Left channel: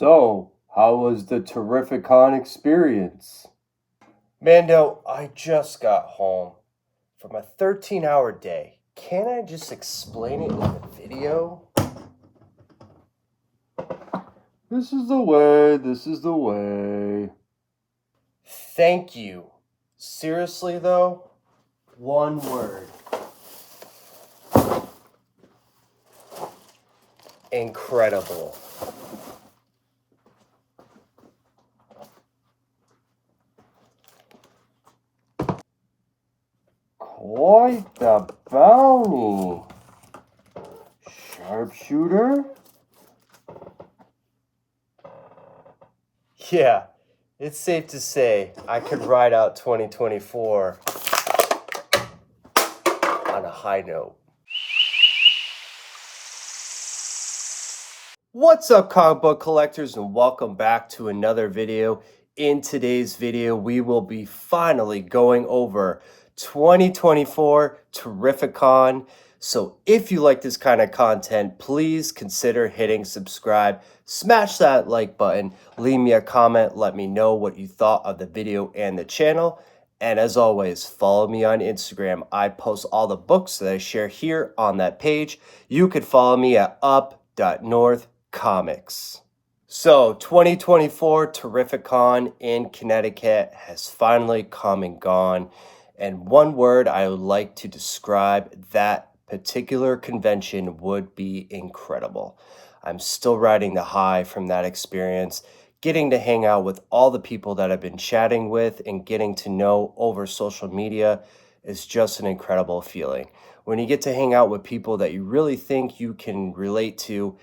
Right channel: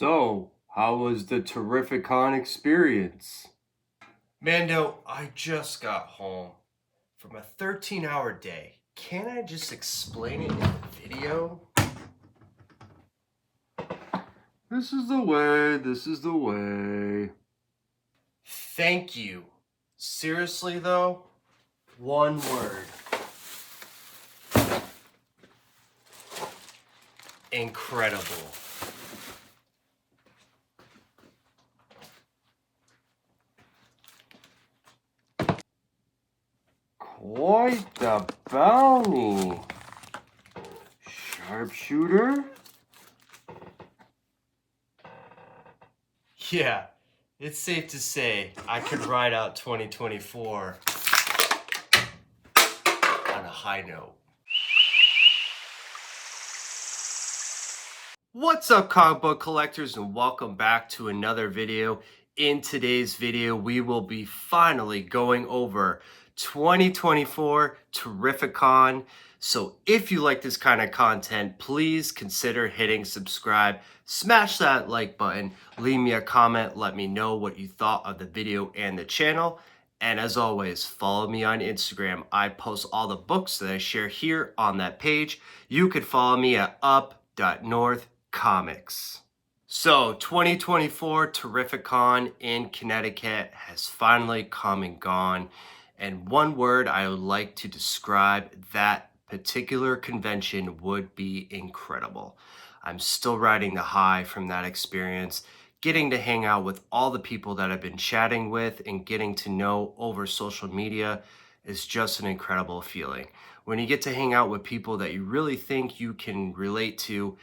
So, how was the TerrifiCON experience? Mando, I just got home from a 13-hour day. Can't I just explain it in the video? This is the way, this is the way. Thank you. Seriously though, one word. Incredible. Quite the bounty. Sharpshooter? Yeah, it's safe to say I could ride out 2024 on a high note. What's up, comic book collectors, and welcome back to another video. In today's video, we will be finally going over 2024 TerrifiCON. So if you like this kind of content, please consider hitting subscribe, smash that like button, leave me a comment, let me know what you thought of the video and the channel. And as always, follow me on Instagram. I post all the books that I share here on that page. You could follow me at UP.NORTHCOMICS. So 2024 TerrifiCON in Connecticut has finally come and gone. And one word I would like to describe that particular convention would be incredible. I'm still riding the high from that experience, getting to hang out with all the people that I've been chatting with and getting to know over social media is just an incredible feeling. When you get to hang out with people that you really think you can relate to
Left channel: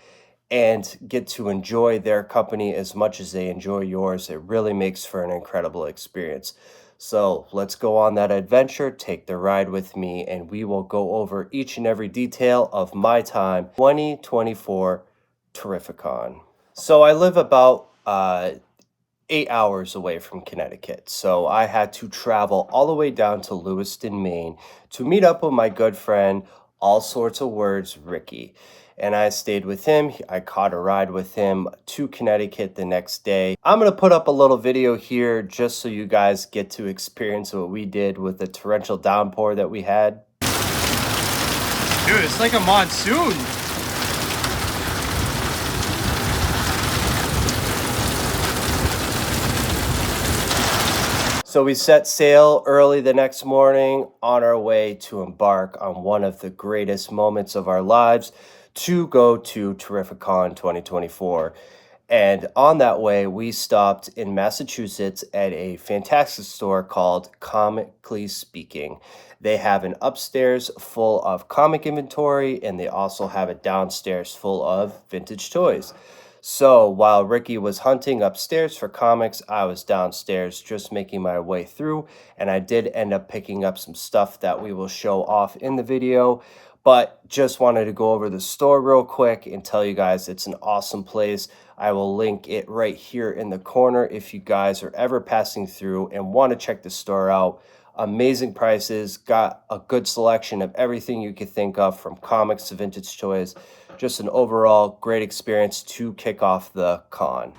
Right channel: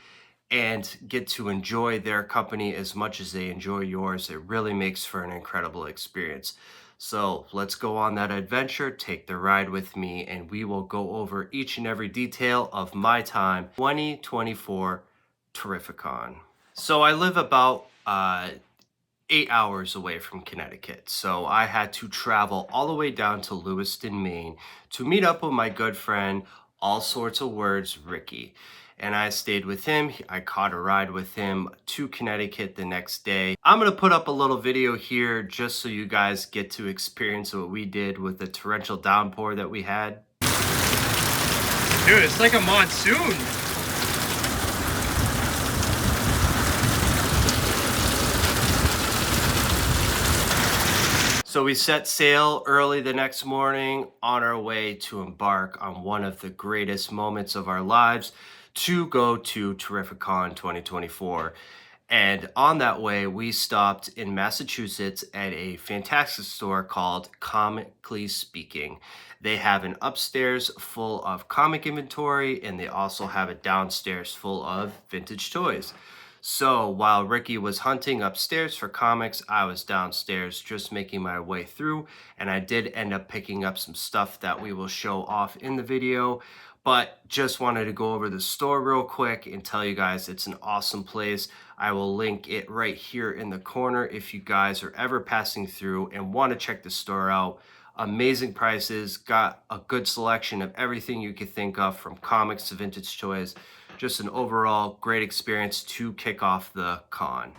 and get to enjoy their company as much as they enjoy yours, it really makes for an incredible experience. So let's go on that adventure, take the ride with me, and we will go over each and every detail of my time 2024 TerrifiCON. So I live about 8 hours away from Connecticut. So I had to travel all the way down to Lewiston, Maine to meet up with my good friend, all sorts of words, Ricky. And I stayed with him. I caught a ride with him to Connecticut the next day. I'm going to put up a little video here just so you guys get to experience what we did with the torrential downpour that we had. Dude, it's like a monsoon. So we set sail early the next morning on our way to embark on one of the greatest moments of our lives to go to TerrifiCON 2024. And on that way, we stopped in Massachusetts at a fantastic store called Comically Speaking. They have an upstairs full of comic inventory, and they also have a downstairs full of vintage toys. So while Ricky was hunting upstairs for comics, I was downstairs just making my way through, and I did end up picking up some stuff that we will show off in the video. But just wanted to go over the store real quick and tell you guys it's an awesome place. I will link it right here in the corner if you guys are ever passing through and want to check the store out. Amazing prices, got a good selection of everything you could think of, from comics to vintage toys. Just an overall great experience to kick off the con.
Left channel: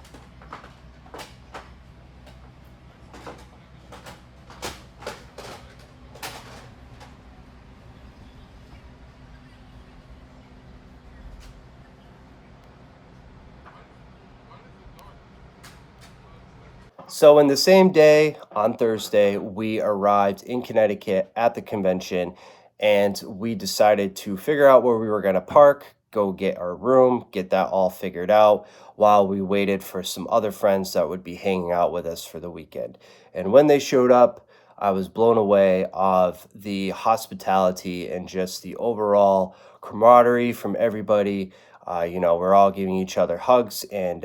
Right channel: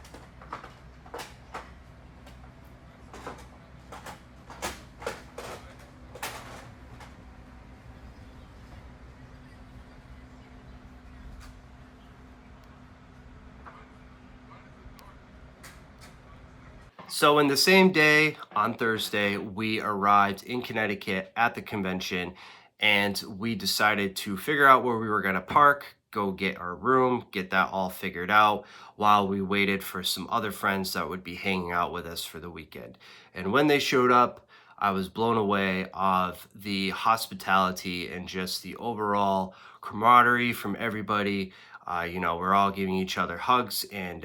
So in the same day, on Thursday, we arrived in Connecticut at the convention, and we decided to figure out where we were going to park, go get our room, get that all figured out while we waited for some other friends that would be hanging out with us for the weekend. And when they showed up, I was blown away of the hospitality and just the overall camaraderie from everybody. We're all giving each other hugs, and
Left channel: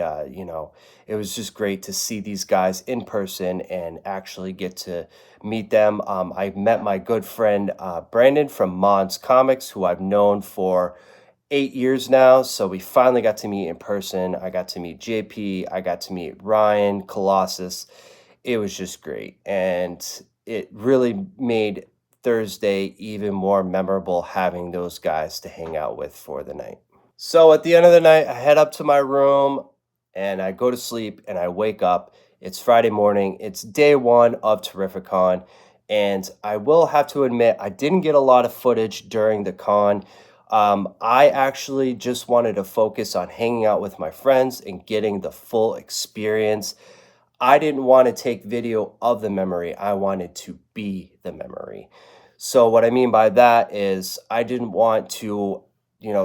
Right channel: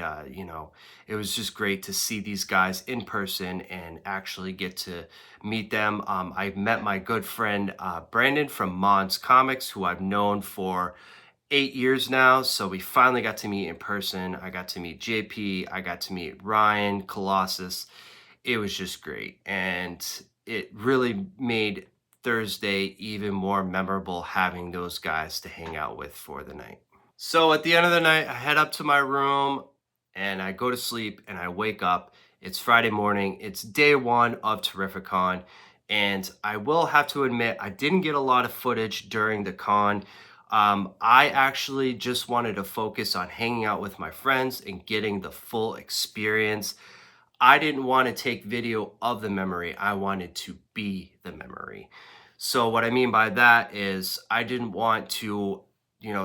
it was just great to see these guys in person and actually get to meet them. I met my good friend Brandon from Mon's Comics, who I've known for 8 years now. So we finally got to meet in person. I got to meet JP. I got to meet Ryan, Colossus. It was just great. And it really made Thursday even more memorable having those guys to hang out with for the night. So at the end of the night, I head up to my room. and I go to sleep and I wake up. It's Friday morning. It's day one of TerrifiCON. And I will have to admit, I didn't get a lot of footage during the con. I actually just wanted to focus on hanging out with my friends and getting the full experience. I didn't want to take video of the memory. I wanted to be the memory. So what I mean by that is I didn't want to,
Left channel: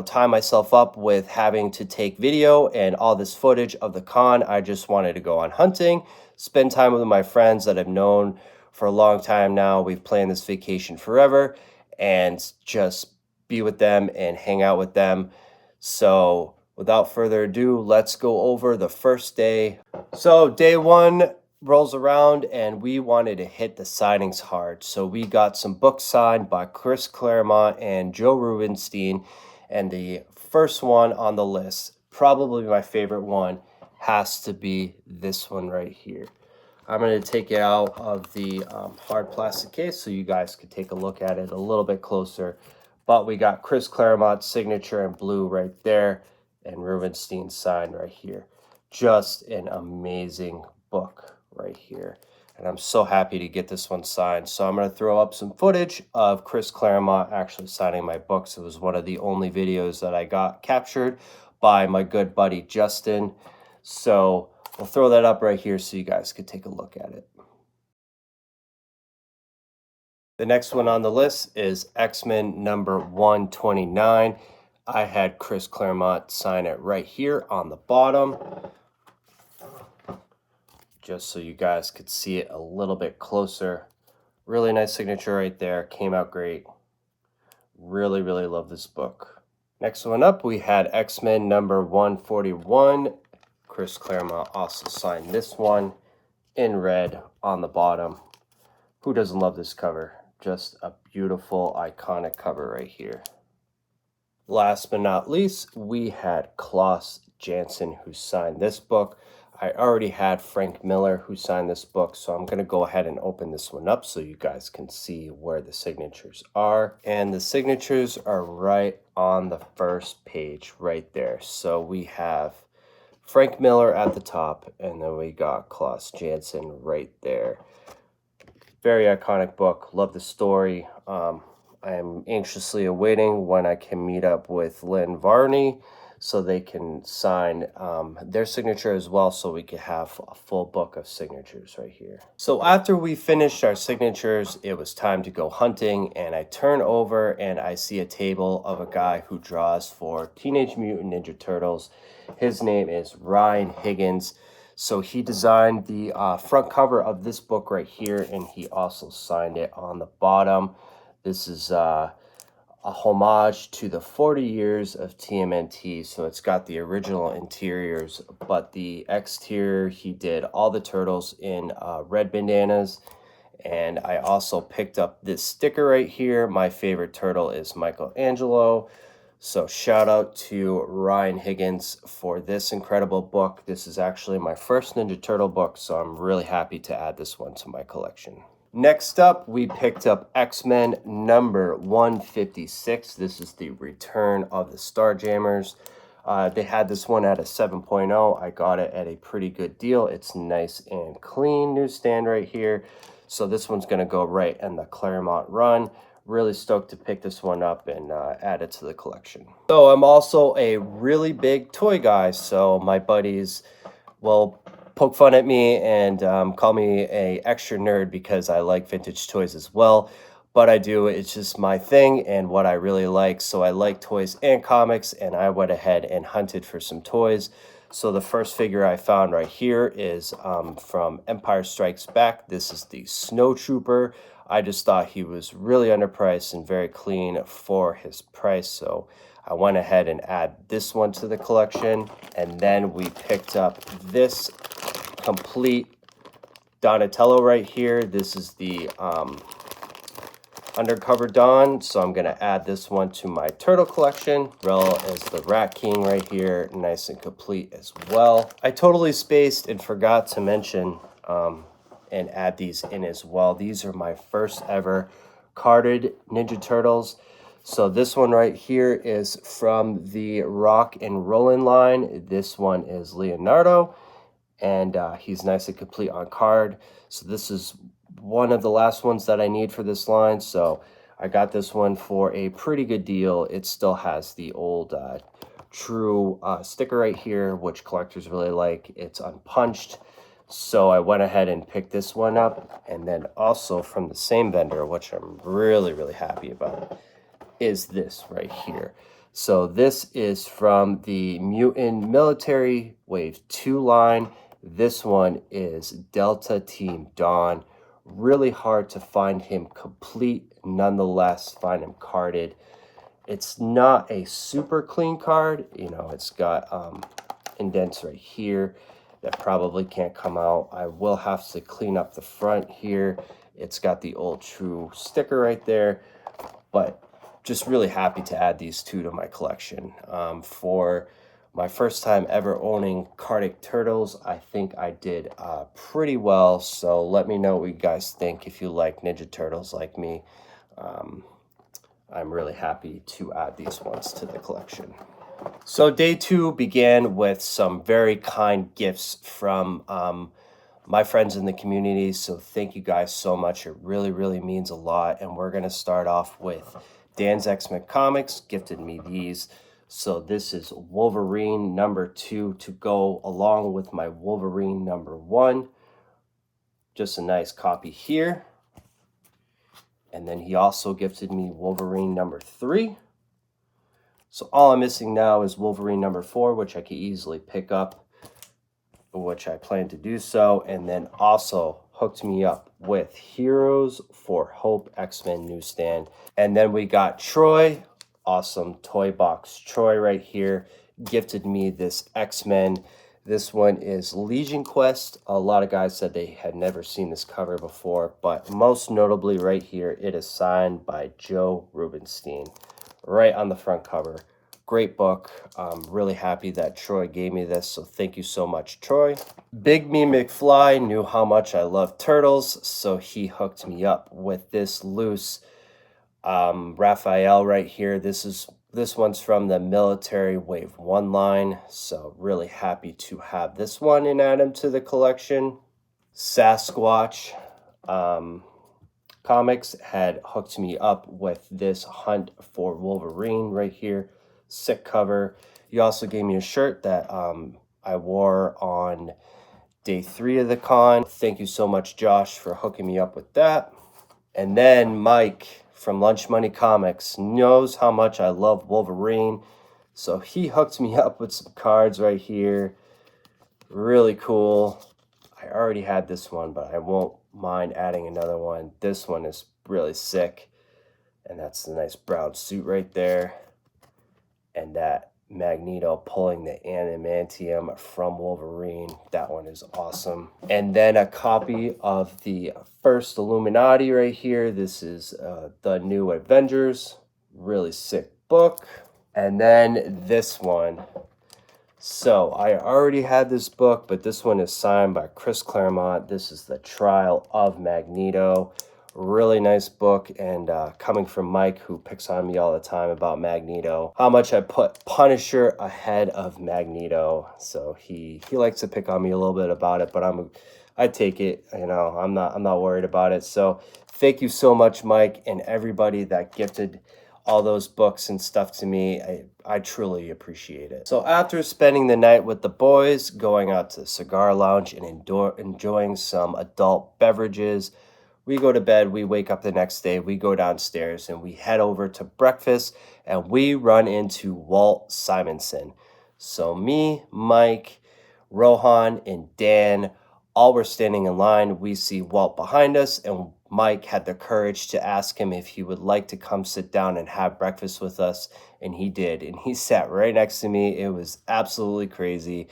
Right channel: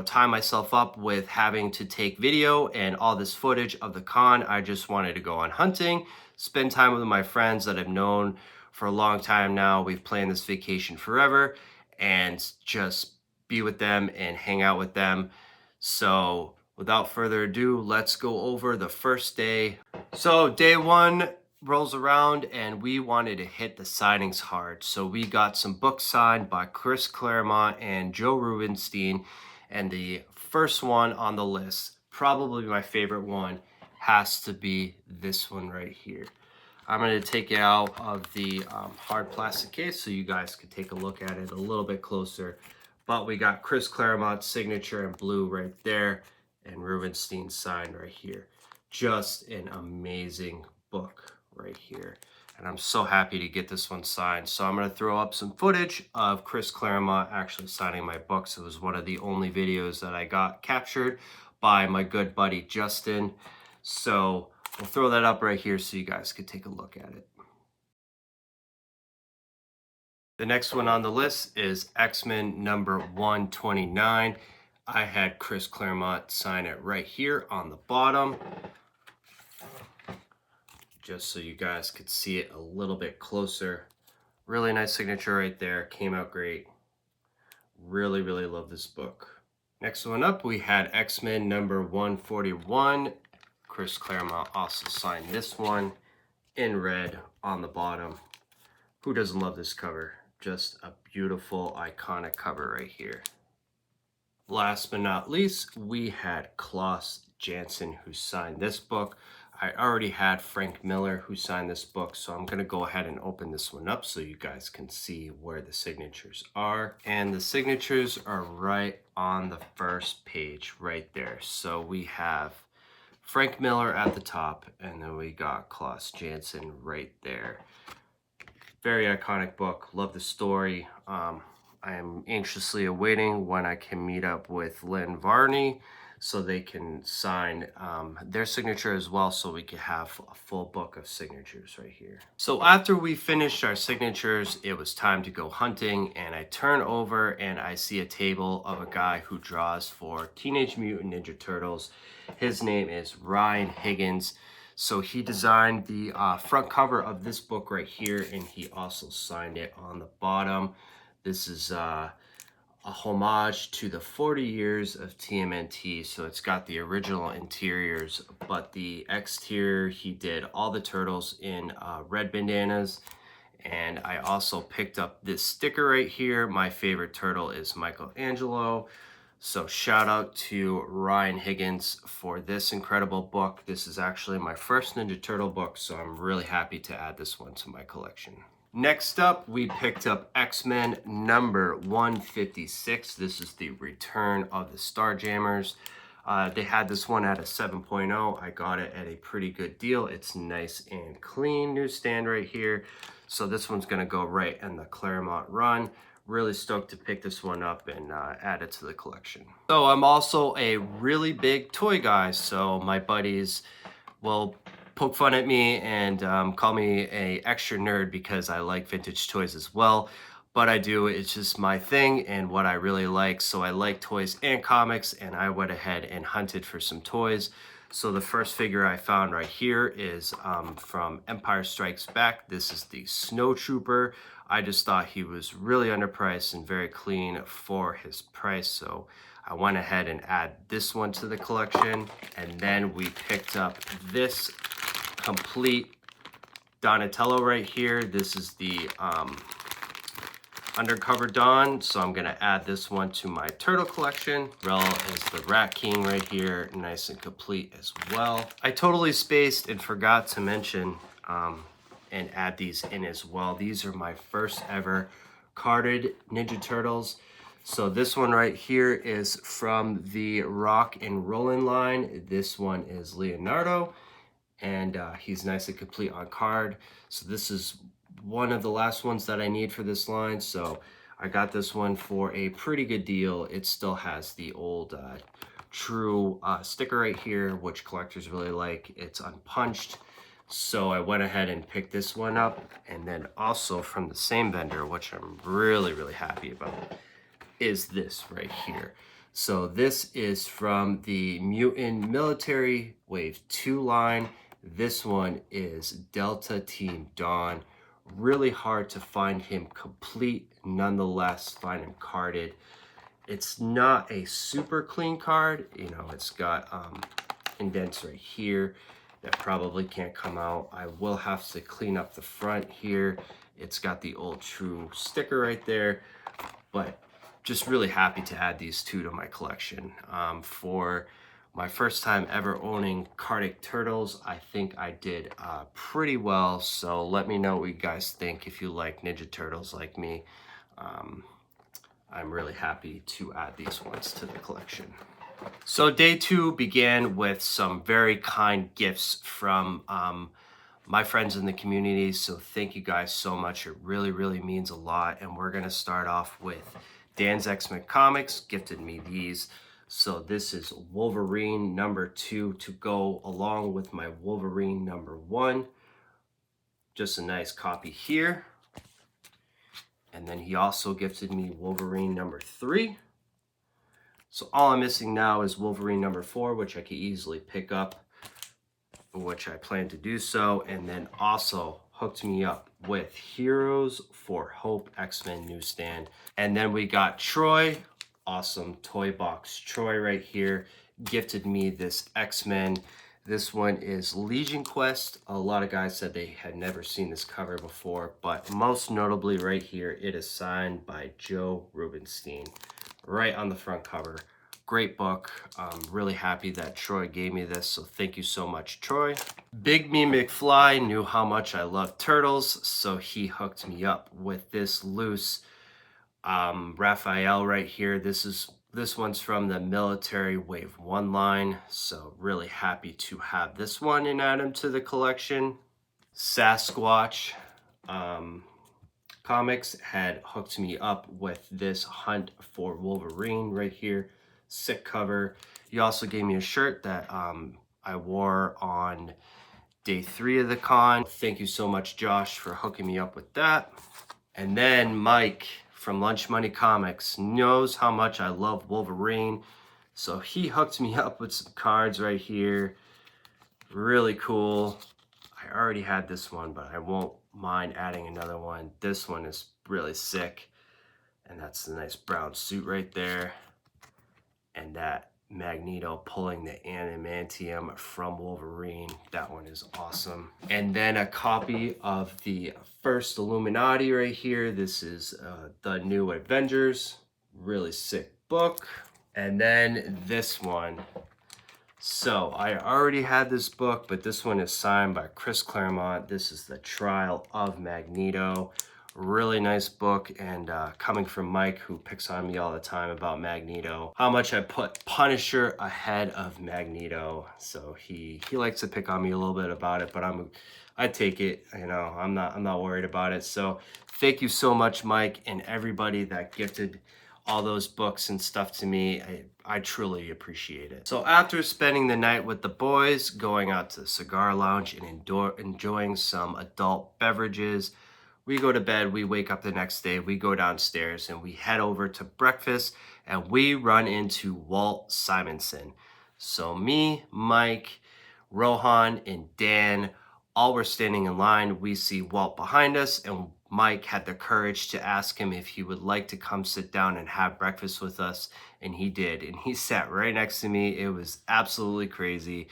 tie myself up with having to take video and all this footage of the con. I just wanted to go on hunting, spend time with my friends that I've known for a long time now. We've planned this vacation forever, and just be with them and hang out with them. So without further ado, let's go over the first day. So day one rolls around and we wanted to hit the signings hard. So we got some books signed by Chris Claremont and Joe Rubenstein. And the first one on the list, probably my favorite one, has to be this one right here. I'm going to take it out of the hard plastic case so you guys can take a look at it a little bit closer. But we got Chris Claremont's signature in blue right there and Rubenstein's signed right here. Just an amazing book right here. And I'm so happy to get this one signed. So I'm going to throw up some footage of Chris Claremont actually signing my books. It was one of the only videos that I got captured by my good buddy Justin. So we'll throw that up right here so you guys can take a look at it. The next one on the list is X-Men number 129. I had Chris Claremont sign it right here on the bottom, just so you guys could see it a little bit closer. Really nice signature right there. Came out great. Really, really love this book. Next one up, we had X-Men number 141. Chris Claremont also signed this one in red on the bottom. Who doesn't love this cover? Just a beautiful, iconic cover right here. Last but not least, we had Klaus Janson who signed this book. I already had Frank Miller who signed this book, so I'm going to go ahead and open this one up so you guys can see where the signatures are. And the signatures are right on the first page right there. So we have Frank Miller at the top, and then we got Klaus Janson right there. Very iconic book. Love the story. I am anxiously awaiting when I can meet up with Lynn Varney so they can sign their signature as well, so we can have a full book of signatures right here. So after we finished our signatures, it was time to go hunting, and I turn over and I see a table of a guy who draws for Teenage Mutant Ninja Turtles. His name is Ryan Higgins. So he designed the front cover of this book right here, and he also signed it on the bottom. This is a homage to the 40 years of TMNT. So it's got the original interiors, but the exterior, he did all the turtles in red bandanas. And I also picked up this sticker right here. My favorite turtle is Michelangelo. So shout out to Ryan Higgins for this incredible book. This is actually my first Ninja Turtle book, so I'm really happy to add this one to my collection. Next up, we picked up X-Men number 156. This is the return of the Starjammers. They had this one at a 7.0. I got it at a pretty good deal. It's nice and clean newsstand right here. So this one's going to go right in the Claremont run. Really stoked to pick this one up and add it to the collection. So I'm also a really big toy guy. So my buddies will poke fun at me and call me a extra nerd because I like vintage toys as well. But I do, it's just my thing and what I really like. So I like toys and comics, and I went ahead and hunted for some toys. So the first figure I found right here is from Empire Strikes Back. This is the Snow Trooper. I just thought he was really underpriced and very clean for his price. So I went ahead and add this one to the collection. And then we picked up this complete Donatello right here. This is the Undercover Don, so I'm going to add this one to my turtle collection, as well as the Rat King right here, nice and complete as well. I totally spaced and forgot to mention and add these in as well. These are my first ever carded Ninja Turtles. So this one right here is from the Rock and Rollin' line. This one is Leonardo, and he's nice and complete on card. So this is one of the last ones that I need for this line. So I got this one for a pretty good deal. It still has the old true sticker right here, which collectors really like. It's unpunched. So I went ahead and picked this one up. And then also from the same vendor, which I'm really, really happy about, is this right here. So this is from the Mutant Military Wave 2 line. This one is Delta Team Dawn. Really hard to find him complete, nonetheless find him carded. It's not a super clean card, you know, it's got indents right here that probably can't come out. I will have to clean up the front here. It's got the old true sticker right there, but just really happy to add these two to my collection. For my first time ever owning Cardiac Turtles, I think I did pretty well. So let me know what you guys think if you like Ninja Turtles like me. I'm really happy to add these ones to the collection. So day 2 began with some very kind gifts from my friends in the community. So thank you guys so much. It really, really means a lot. And we're going to start off with Dan's X-Men Comics gifted me these. So this is Wolverine #2 to go along with my Wolverine #1. Just a nice copy here. And then he also gifted me Wolverine #3. So all I'm missing now is Wolverine #4, which I could easily pick up, which I plan to do so. And then also hooked me up with Heroes for Hope X-Men newsstand. And then we got Troy, awesome toy box Troy right here, gifted me this X-Men. This one is Legion Quest. A lot of guys said they had never seen this cover before, but most notably right here, it is signed by Joe Rubenstein right on the front cover. Great book. I'm really happy that Troy gave me this, so thank you so much, Troy. Big Me McFly knew how much I love turtles, so he hooked me up with this loose Raphael right here. This one's from the Military Wave 1 line, so really happy to have this one and add him to the collection. Sasquatch Comics had hooked me up with this Hunt for Wolverine right here. Sick cover. You also gave me a shirt that I wore on day 3 of the con. Thank you so much, Josh, for hooking me up with that. And then Mike from Lunch Money Comics knows how much I love Wolverine, so he hooked me up with some cards right here. Really cool. I already had this one, but I won't mind adding another one. This one is really sick, and that's the nice brown suit right there, and that Magneto pulling the adamantium from Wolverine. That one is awesome. And then a copy of the first Illuminati right here. This is the New Avengers. Really sick book. And then this one. So I already had this book, but this one is signed by Chris Claremont. This is The Trial of Magneto. Really nice book, and coming from Mike, who picks on me all the time about Magneto, how much I put Punisher ahead of Magneto. So he likes to pick on me a little bit about it, but I take it. You know, I'm not worried about it. So thank you so much, Mike, and everybody that gifted all those books and stuff to me. I truly appreciate it. So after spending the night with the boys, going out to the cigar lounge and enjoying some adult beverages, we go to bed, we wake up the next day, we go downstairs, and we head over to breakfast, and we run into Walt Simonson. So me, Mike, Rohan, and Dan all were standing in line. We see Walt behind us, and Mike had the courage to ask him if he would like to come sit down and have breakfast with us, and he did. And he sat right next to me. It was absolutely crazy.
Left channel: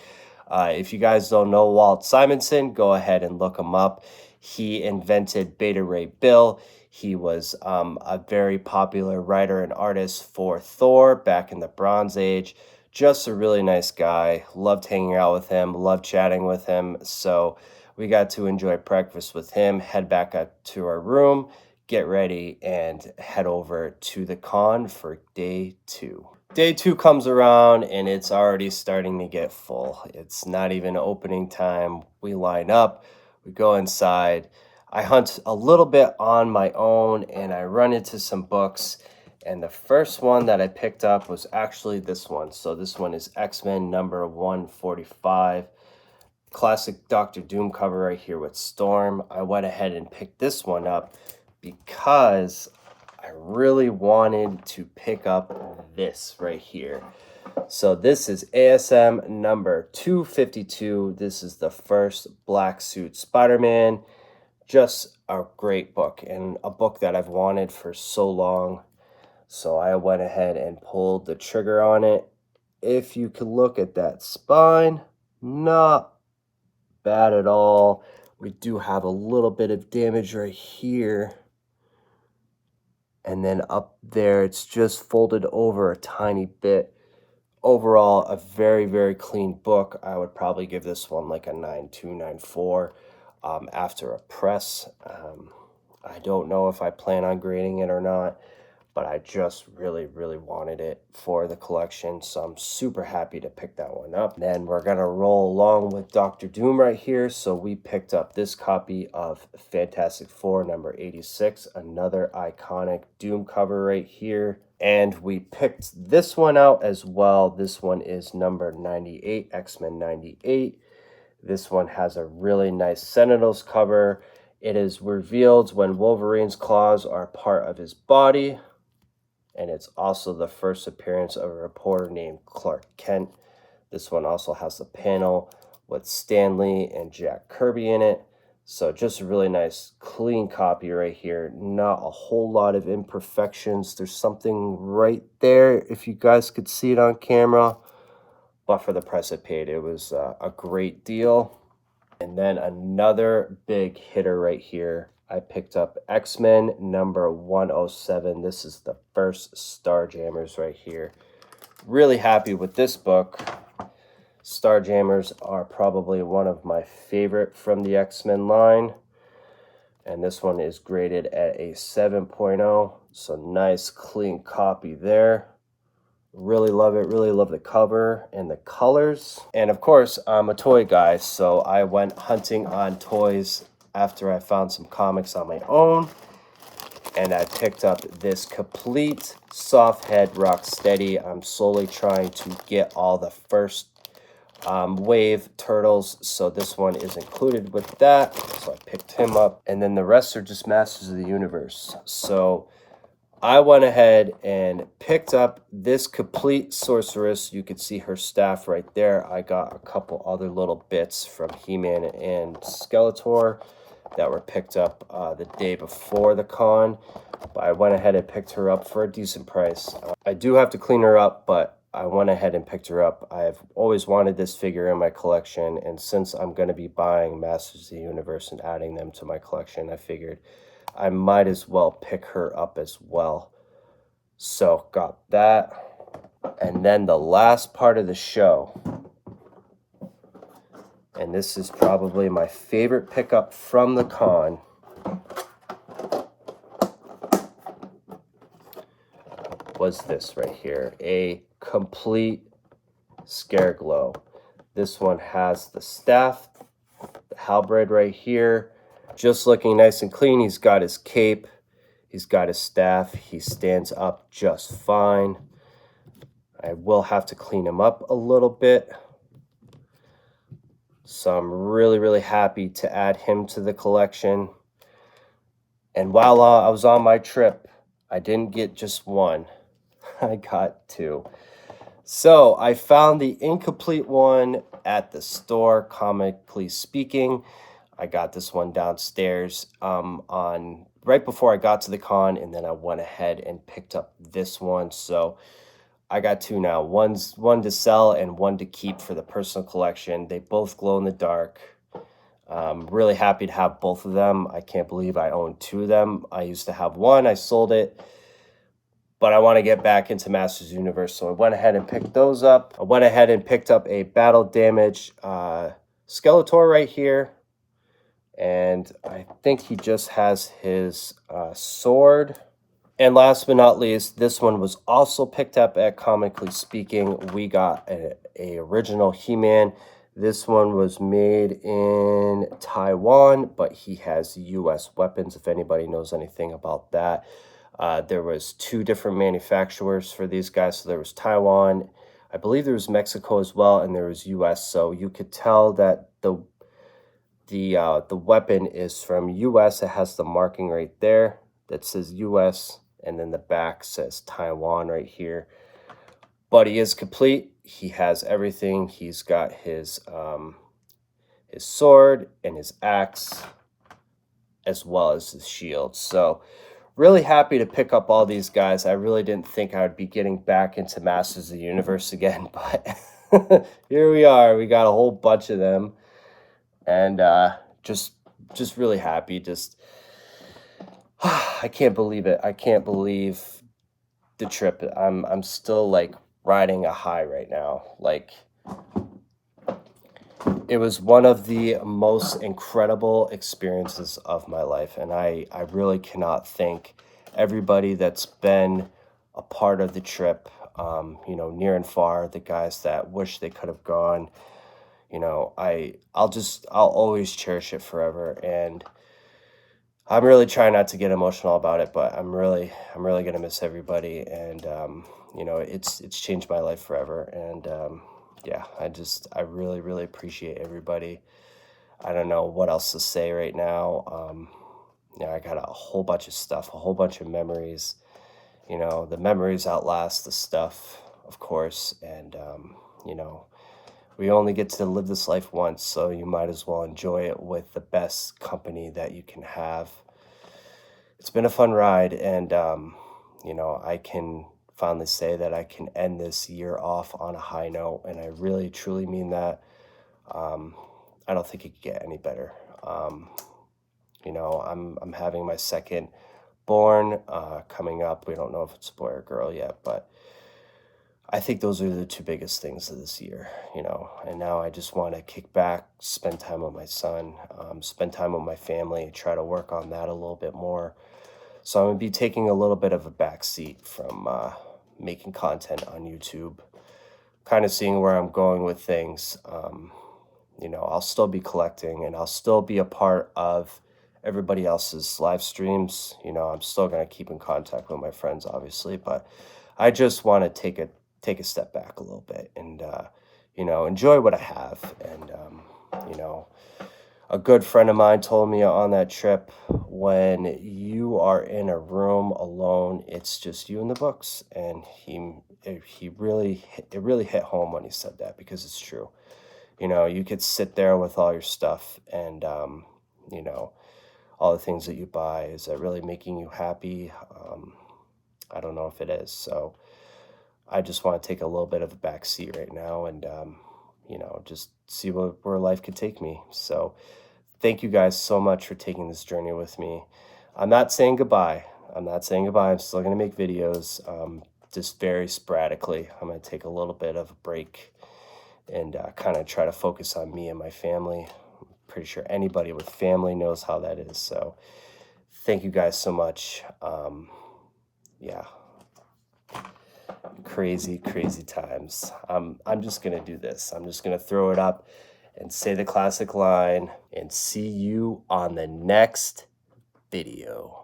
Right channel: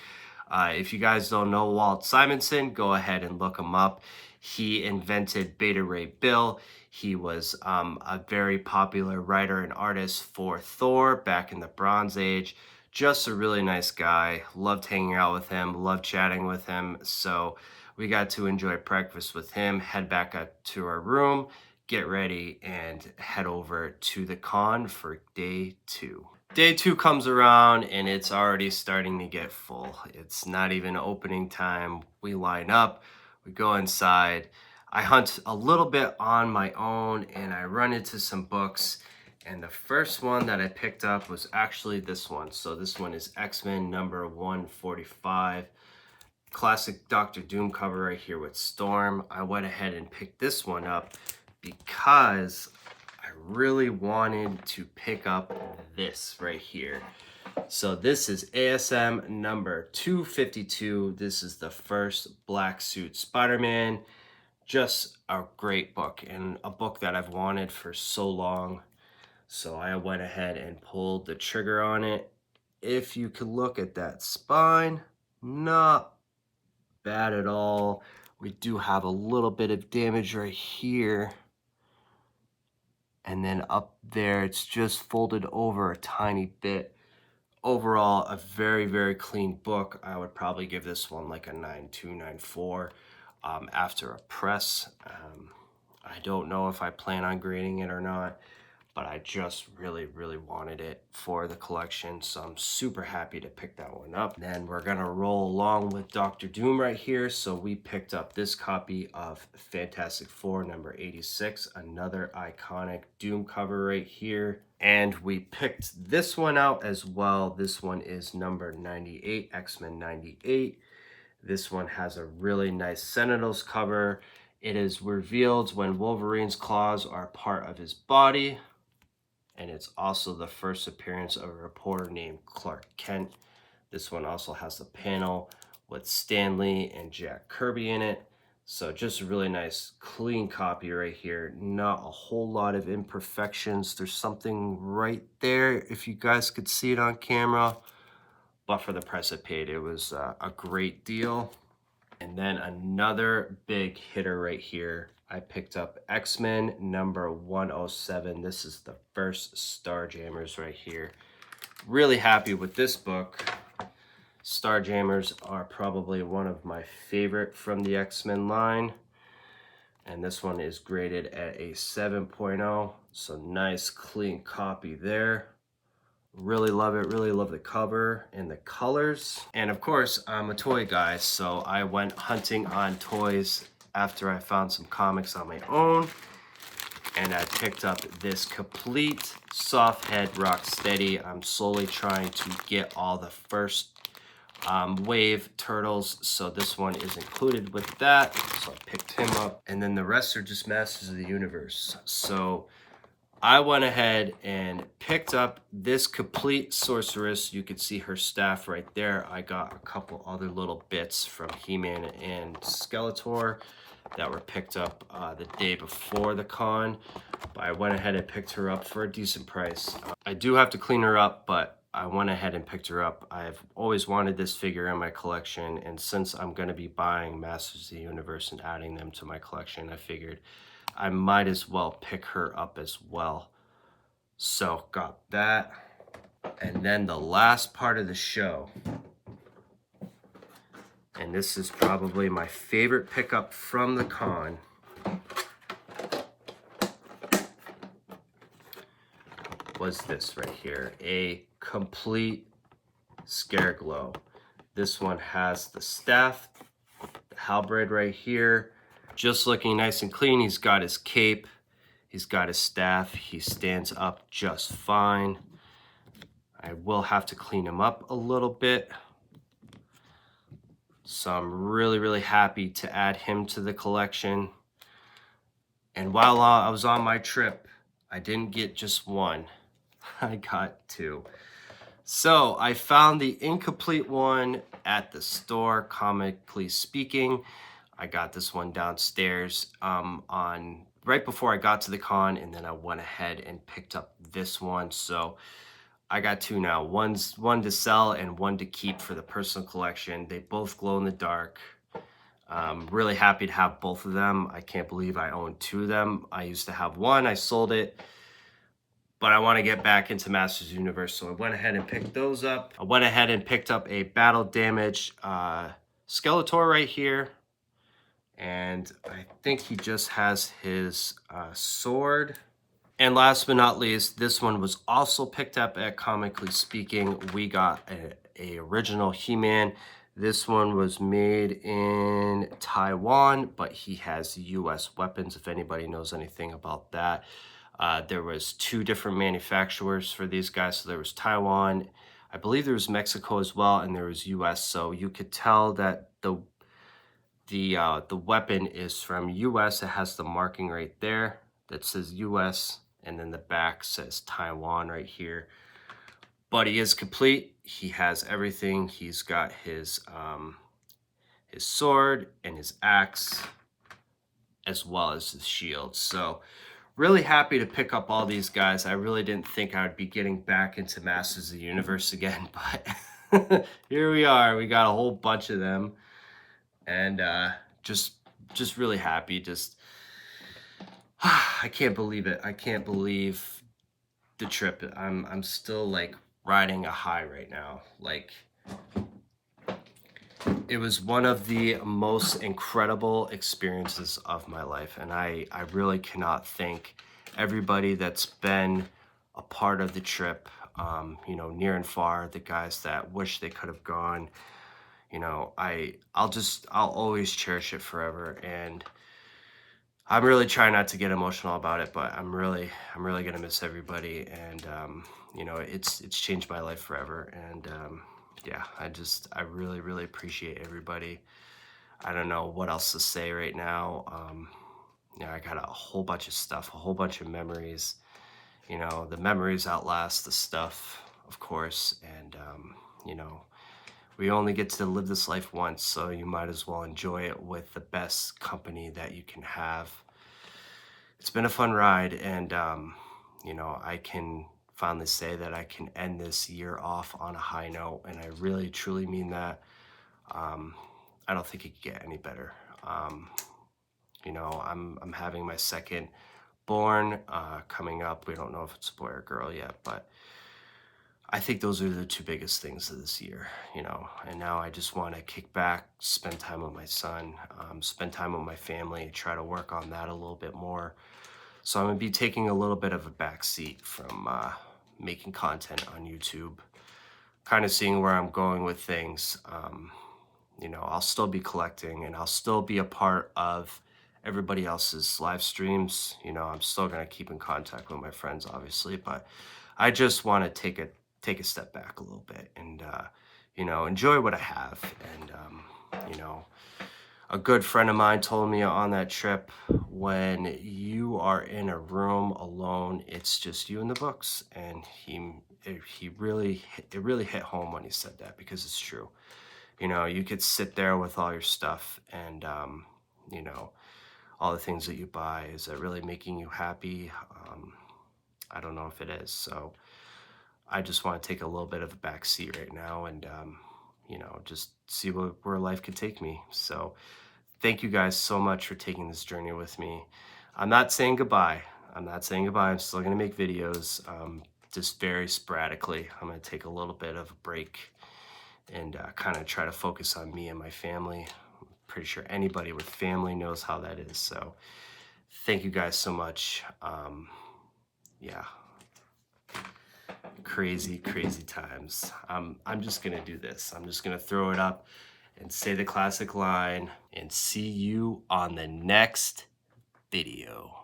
If you guys don't know Walt Simonson, go ahead and look him up. He invented Beta Ray Bill. He was a very popular writer and artist for Thor back in the Bronze Age. Just a really nice guy. Loved hanging out with him, loved chatting with him. So we got to enjoy breakfast with him, head back up to our room, get ready and head over to the con for day 2. Day 2 comes around and it's already starting to get full. It's not even opening time. We line up, we go inside. I hunt a little bit on my own and I run into some books. And the first one that I picked up was actually this one. So this one is X-Men number 145. Classic Doctor Doom cover right here with Storm. I went ahead and picked this one up because I really wanted to pick up this right here. So this is ASM number 252. This is the first Black Suit Spider-Man. Just a great book and a book that I've wanted for so long. So I went ahead and pulled the trigger on it. If you could look at that spine, not bad at all. We do have a little bit of damage right here. And then up there, it's just folded over a tiny bit. Overall, a very, very clean book. I would probably give this one like a 9.2, 9.4 after a press. I don't know if I plan on grading it or not, but I just really, really wanted it for the collection. So I'm super happy to pick that one up. Then we're gonna roll along with Dr. Doom right here. So we picked up this copy of Fantastic Four number 86, another iconic Doom cover right here. And we picked this one out as well. This one is number 98, X-Men 98. This one has a really nice Sentinels cover. It is revealed when Wolverine's claws are part of his body. And it's also the first appearance of a reporter named Clark Kent. This one also has the panel with Stan Lee and Jack Kirby in it. So just a really nice clean copy right here. Not a whole lot of imperfections. There's something right there if you guys could see it on camera. But for the price I paid, it was a great deal. And then another big hitter right here. I picked up X-Men number 107. This is the first Starjammers right here. Really happy with this book. Starjammers are probably one of my favorite from the X-Men line. And this one is graded at a 7.0. So nice clean copy there. Really love it. Really love the cover and the colors. And of course, I'm a toy guy, so I went hunting on toys after I found some comics on my own. And I picked up this complete Softhead Rocksteady. I'm slowly trying to get all the first wave turtles, so this one is included with that. So I picked him up. And then the rest are just Masters of the Universe. So I went ahead and picked up this complete Sorceress. You can see her staff right there. I got a couple other little bits from He-Man and Skeletor that were picked up the day before the con. But I went ahead and picked her up for a decent price. I do have to clean her up, but I went ahead and picked her up. I've always wanted this figure in my collection, and since I'm going to be buying Masters of the Universe and adding them to my collection, I figured I might as well pick her up as well. So got that. And then the last part of the show, and this is probably my favorite pickup from the con, was this right here, a complete Scareglow. This one has the staff, the halberd right here, just looking nice and clean. He's got his cape, he's got his staff, he stands up just fine. I will have to clean him up a little bit. So I'm really, really happy to add him to the collection. And while I was on my trip, I didn't get just one, I got two. So I found the incomplete one at the store, comically speaking. I got this one downstairs on right before I got to the con, and then I went ahead and picked up this one. So I got two now. One to sell and one to keep for the personal collection. They both glow in the dark. Really happy to have both of them. I can't believe I own two of them. I used to have one, I sold it, but I want to get back into Masters of the Universe, so I went ahead and picked those up. I went ahead and picked up a battle damaged Skeletor right here. And I think he just has his sword. And last but not least, this one was also picked up at Comically Speaking. We got a original He-Man. This one was made in Taiwan, but he has US weapons, if anybody knows anything about that. There was 2 different manufacturers for these guys. So there was Taiwan, I believe there was Mexico as well, and there was US. So you could tell that the weapon is from US. It has the marking right there that says US, and then the back says Taiwan right here. But he is complete. He has everything. He's got his sword and his axe, as well as his shield. So really happy to pick up all these guys. I really didn't think I would be getting back into Masters of the Universe again, but here we are. We got a whole bunch of them, and just really happy. Just I can't believe it. I can't believe the trip. I'm still like riding a high right now. Like, it was one of the most incredible experiences of my life, and I really cannot thank everybody that's been a part of the trip, you know, near and far, the guys that wish they could have gone. You know, I'll always cherish it forever, and I'm really trying not to get emotional about it, but I'm really gonna miss everybody, and you know, it's changed my life forever, and yeah, I really appreciate everybody. I don't know what else to say right now. Yeah, I got a whole bunch of stuff, a whole bunch of memories. You know, the memories outlast the stuff, of course, and you know, we only get to live this life once, so you might as well enjoy it with the best company that you can have. It's been a fun ride, and you know, I can finally say that I can end this year off on a high note, and I really truly mean that. I don't think it could get any better. You know, I'm having my second born coming up. We don't know if it's a boy or girl yet, but I think those are the 2 biggest things of this year, you know. And now I just want to kick back, spend time with my son, spend time with my family, try to work on that a little bit more. So I'm going to be taking a little bit of a back seat from making content on YouTube, kind of seeing where I'm going with things. You know, I'll still be collecting, and I'll still be a part of everybody else's live streams. You know, I'm still going to keep in contact with my friends, obviously, but I just want to take a step back a little bit, and you know, enjoy what I have. And you know, a good friend of mine told me on that trip, when you are in a room alone, it's just you and the books. And it really hit home when he said that, because it's true. You know, you could sit there with all your stuff, and you know, all the things that you buy. Is that really making you happy? I don't know if it is. So I just want to take a little bit of a back seat right now, and you know, just see where life could take me. So thank you guys so much for taking this journey with me. I'm not saying goodbye. I'm not saying goodbye. I'm still going to make videos, just very sporadically. I'm going to take a little bit of a break and kind of try to focus on me and my family. I'm pretty sure anybody with family knows how that is. So thank you guys so much. Yeah. Crazy times. I'm just going to do this. I'm just going to throw it up and say the classic line, and see you on the next video.